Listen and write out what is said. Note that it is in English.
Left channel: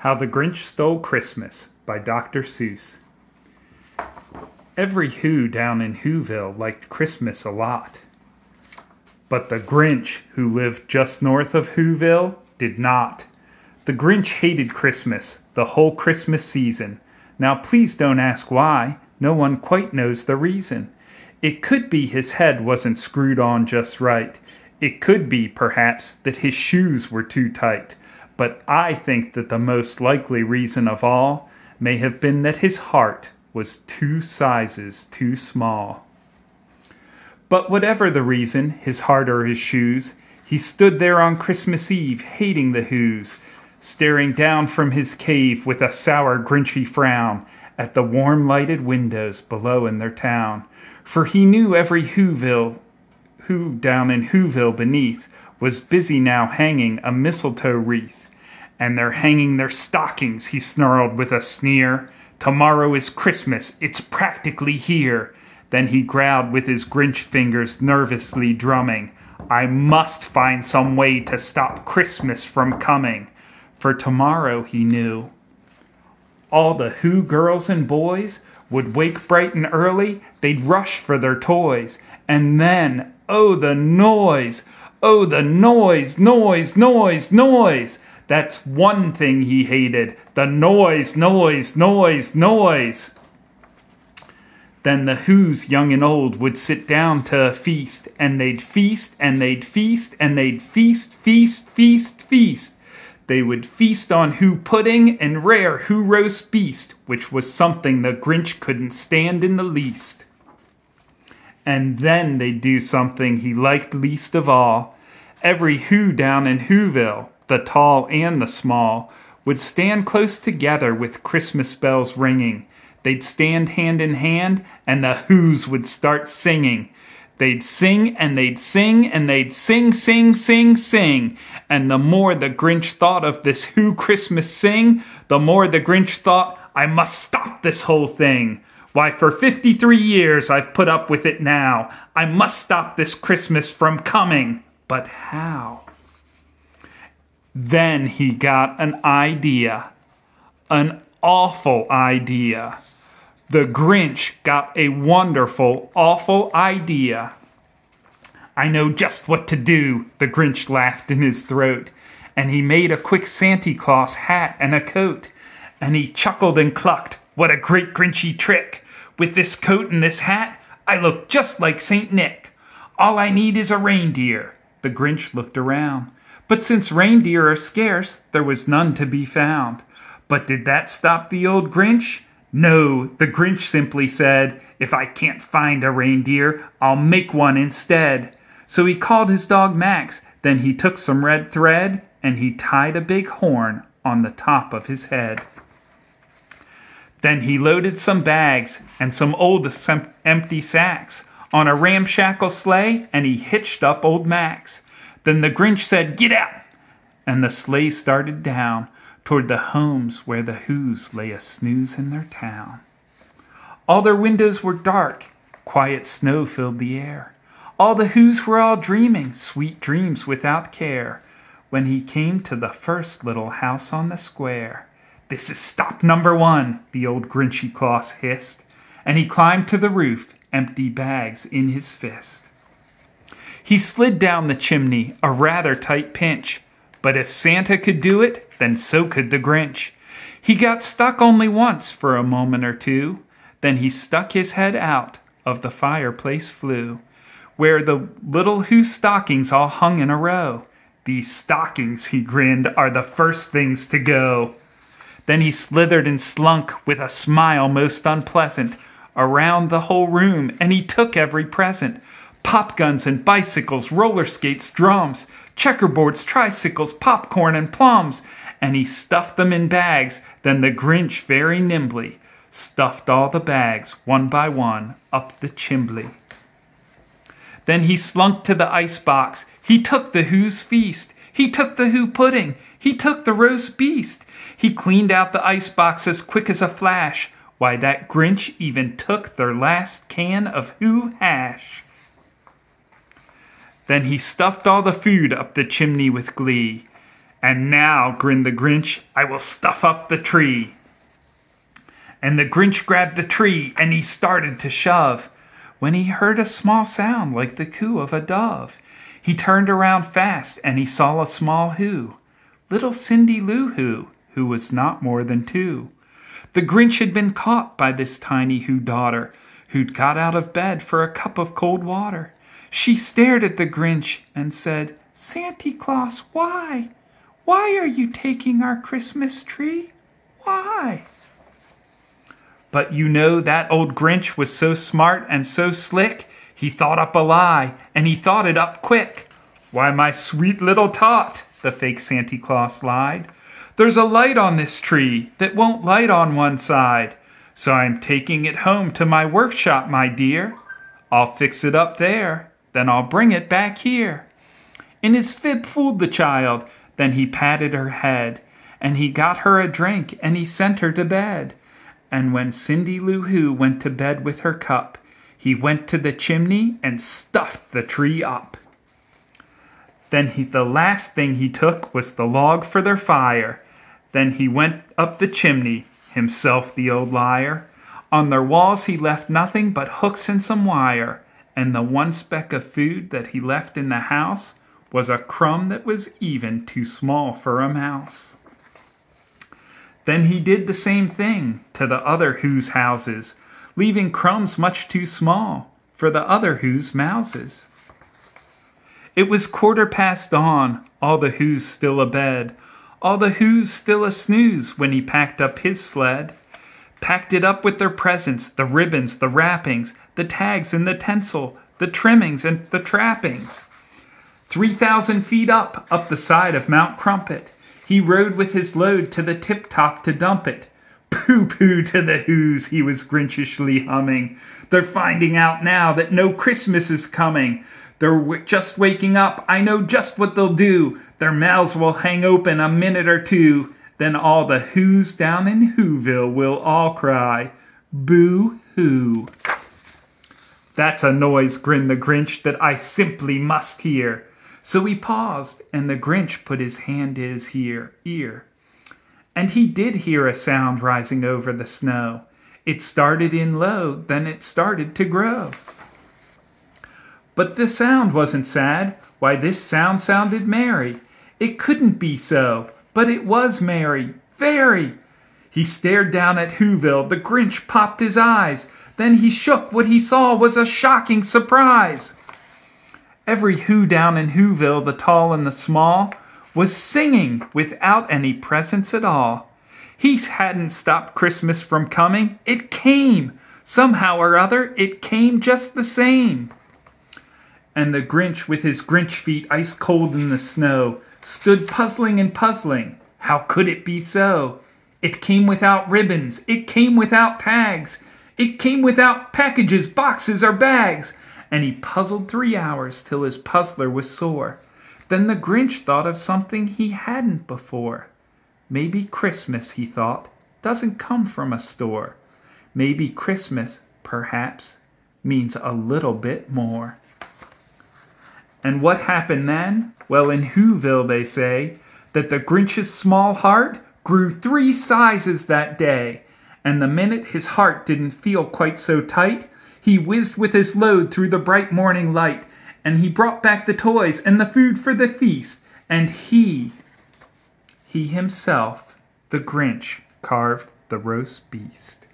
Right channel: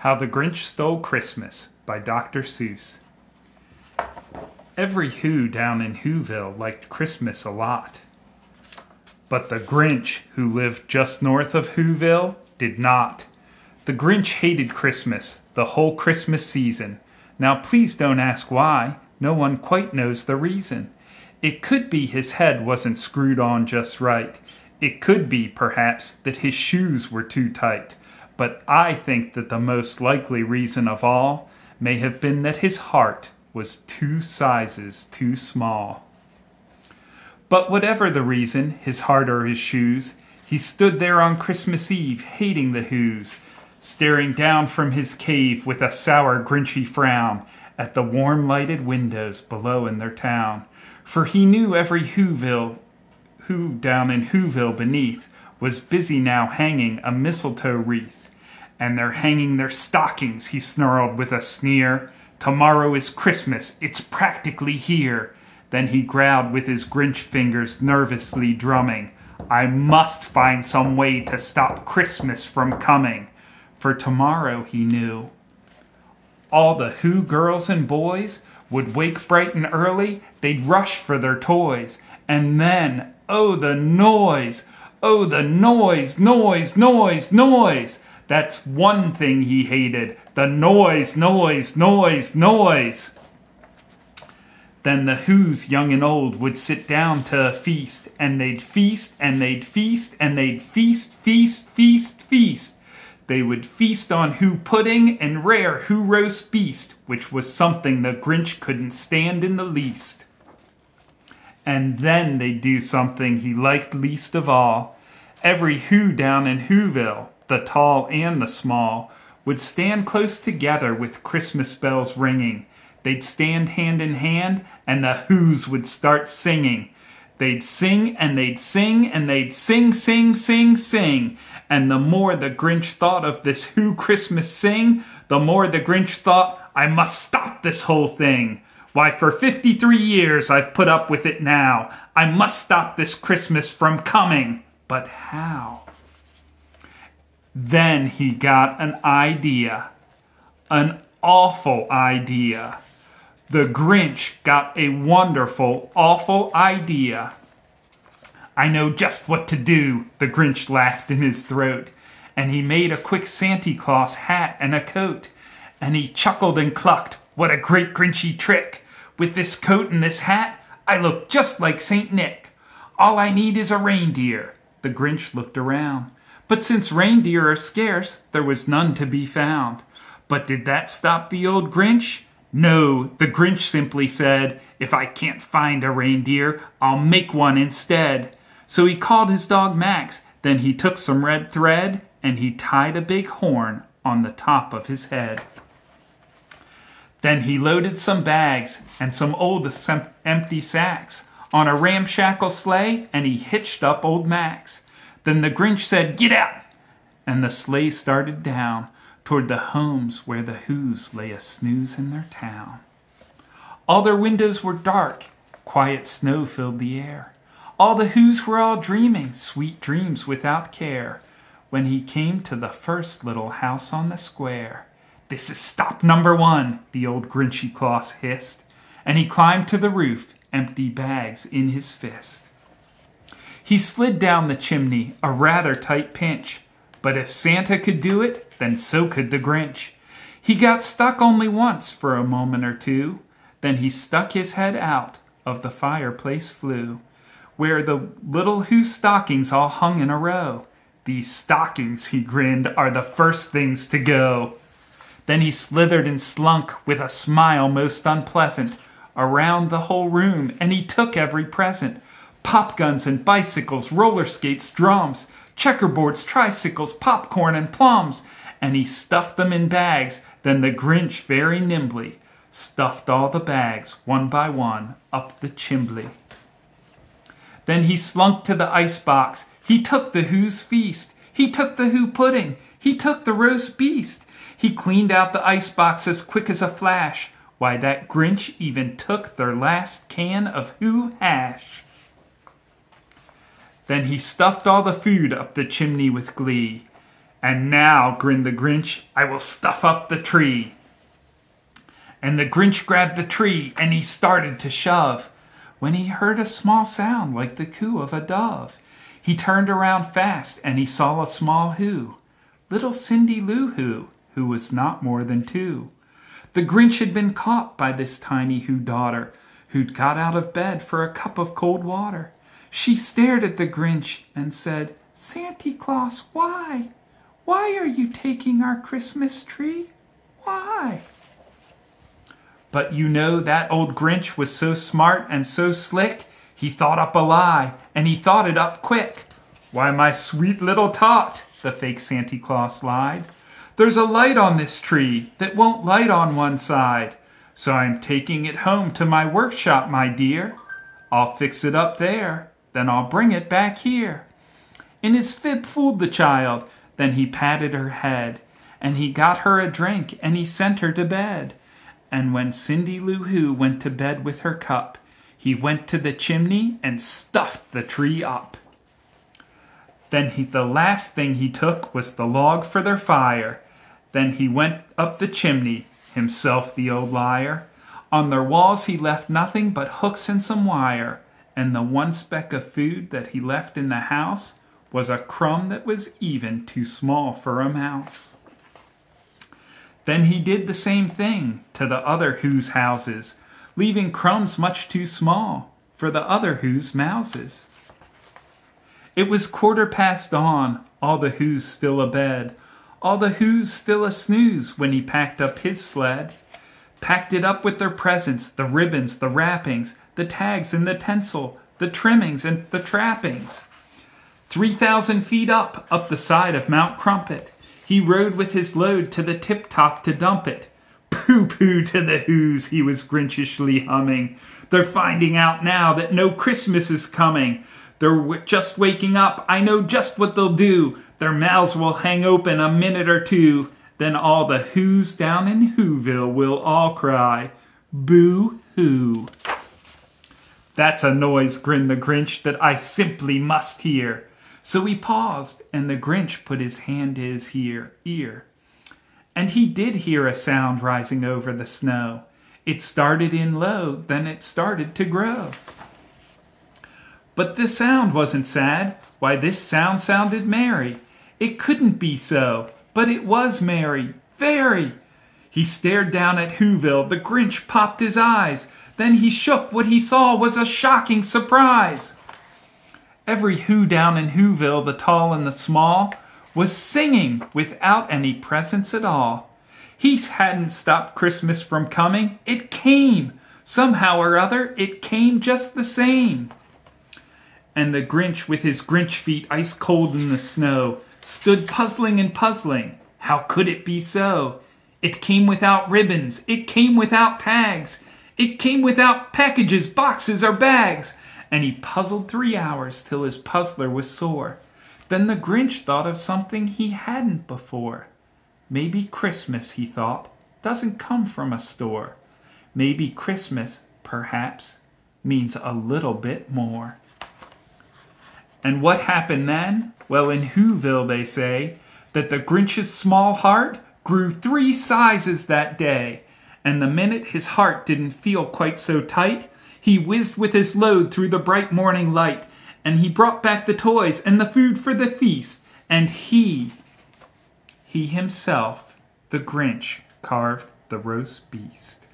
How the Grinch Stole Christmas by Dr. Seuss. Every Who down in Whoville liked Christmas a lot. But the Grinch, who lived just north of Whoville, did not. The Grinch hated Christmas, the whole Christmas season. Now please don't ask why. No one quite knows the reason. It could be his head wasn't screwed on just right. It could be, perhaps, that his shoes were too tight. But I think that the most likely reason of all may have been that his heart was 2 sizes too small. But whatever the reason, his heart or his shoes, he stood there on Christmas Eve, hating the Whos, staring down from his cave with a sour, grinchy frown at the warm lighted windows below in their town. For he knew every Who down in Whoville beneath was busy now hanging a mistletoe wreath. And they're hanging their stockings, he snarled with a sneer. Tomorrow is Christmas, it's practically here. Then he growled with his Grinch fingers nervously drumming. I must find some way to stop Christmas from coming. For tomorrow, he knew, all the Who girls and boys would wake bright and early, they'd rush for their toys. And then, oh the noise! Oh the noise, noise, noise, noise! That's one thing he hated, the noise, noise, noise, noise. Then the Whos, young and old, would sit down to a feast, and they'd feast, and they'd feast, and they'd feast, feast, feast, feast. They would feast on Who pudding and rare Who roast beast, which was something the Grinch couldn't stand in the least. And then they'd do something he liked least of all. Every Who down in Whoville, the tall and the small, would stand close together with Christmas bells ringing. They'd stand hand in hand, and the Whos would start singing. They'd sing, and they'd sing, and they'd sing, sing, sing, sing. And the more the Grinch thought of this Who Christmas sing, the more the Grinch thought, I must stop this whole thing. Why, for 53 years I've put up with it now. I must stop this Christmas from coming. But how? Then he got an idea. An awful idea. The Grinch got a wonderful, awful idea. I know just what to do, the Grinch laughed in his throat. And he made a quick Santa Claus hat and a coat. And he chuckled and clucked, what a great Grinchy trick. With this coat and this hat, I look just like Saint Nick. All I need is a reindeer. The Grinch looked around. But since reindeer are scarce, there was none to be found. But did that stop the old Grinch? No, the Grinch simply said, if I can't find a reindeer, I'll make one instead. So he called his dog Max, then he took some red thread, and he tied a big horn on the top of his head. Then he loaded some bags and some old empty sacks on a ramshackle sleigh, and he hitched up old Max. Then the Grinch said, get out! And the sleigh started down toward the homes where the Whos lay a snooze in their town. All their windows were dark, quiet snow filled the air. All the Whos were all dreaming, sweet dreams without care, when he came to the first little house on the square. This is stop number 1, the old Grinchy Claus hissed, and he climbed to the roof, empty bags in his fist. He slid down the chimney, a rather tight pinch, but if Santa could do it, then so could the Grinch. He got stuck only once for a moment or two, then he stuck his head out of the fireplace flue, where the little Who stockings all hung in a row. These stockings, he grinned, are the first things to go. Then he slithered and slunk with a smile most unpleasant around the whole room, and he took every present. Pop guns and bicycles, roller skates, drums, checkerboards, tricycles, popcorn, and plums. And he stuffed them in bags. Then the Grinch very nimbly stuffed all the bags, one by one, up the chimbley. Then he slunk to the icebox. He took the Who's feast. He took the Who pudding. He took the roast beast. He cleaned out the icebox as quick as a flash. Why, that Grinch even took their last can of Who hash. Then he stuffed all the food up the chimney with glee, "And now," grinned the Grinch, "I will stuff up the tree." And the Grinch grabbed the tree and he started to shove, when he heard a small sound like the coo of a dove. He turned around fast and he saw a small who, little Cindy Lou who was not more than 2. The Grinch had been caught by this tiny Who daughter, who'd got out of bed for a cup of cold water. She stared at the Grinch and said, "Santa Claus, why? Why are you taking our Christmas tree? Why?" But you know that old Grinch was so smart and so slick, he thought up a lie, and he thought it up quick. "Why, my sweet little tot," the fake Santa Claus lied, "there's a light on this tree that won't light on one side. So I'm taking it home to my workshop, my dear. I'll fix it up there, then I'll bring it back here." And his fib fooled the child, then he patted her head, and he got her a drink, and he sent her to bed. And when Cindy Lou Who went to bed with her cup, he went to the chimney and stuffed the tree up. Then the last thing he took was the log for their fire. Then he went up the chimney, himself the old liar. On their walls he left nothing but hooks and some wire, and the one speck of food that he left in the house was a crumb that was even too small for a mouse. Then he did the same thing to the other Who's houses, leaving crumbs much too small for the other Who's mouses. It was 1/4 dawn, all the Who's still abed, all the Who's still a snooze when he packed up his sled. Packed it up with their presents, the ribbons, the wrappings, the tags and the tinsel, the trimmings and the trappings. 3,000 feet up the side of Mount Crumpet, he rode with his load to the tip-top to dump it. "Pooh-pooh to the Who's," he was Grinchishly humming. "They're finding out now that no Christmas is coming. They're just waking up, I know just what they'll do. Their mouths will hang open a minute or two. Then all the Who's down in Whoville will all cry, 'Boo-hoo.'" "That's a noise," grinned the Grinch, "that I simply must hear." So he paused, and the Grinch put his hand to his ear. And he did hear a sound rising over the snow. It started in low, then it started to grow. But the sound wasn't sad. Why, this sound sounded merry. It couldn't be so, but it was merry, very. He stared down at Whoville. The Grinch popped his eyes. Then he shook. What he saw was a shocking surprise. Every Who down in Whoville, the tall and the small, was singing without any presents at all. He hadn't stopped Christmas from coming. It came. Somehow or other, it came just the same. And the Grinch, with his Grinch feet ice cold in the snow, stood puzzling and puzzling. How could it be so? It came without ribbons. It came without tags. It came without packages, boxes, or bags. And he puzzled 3 hours till his puzzler was sore. Then the Grinch thought of something he hadn't before. Maybe Christmas, he thought, doesn't come from a store. Maybe Christmas, perhaps, means a little bit more. And what happened then? Well, in Whoville they say that the Grinch's small heart grew 3 sizes that day. And the minute his heart didn't feel quite so tight, he whizzed with his load through the bright morning light, and he brought back the toys and the food for the feast, and he himself, the Grinch, carved the roast beast.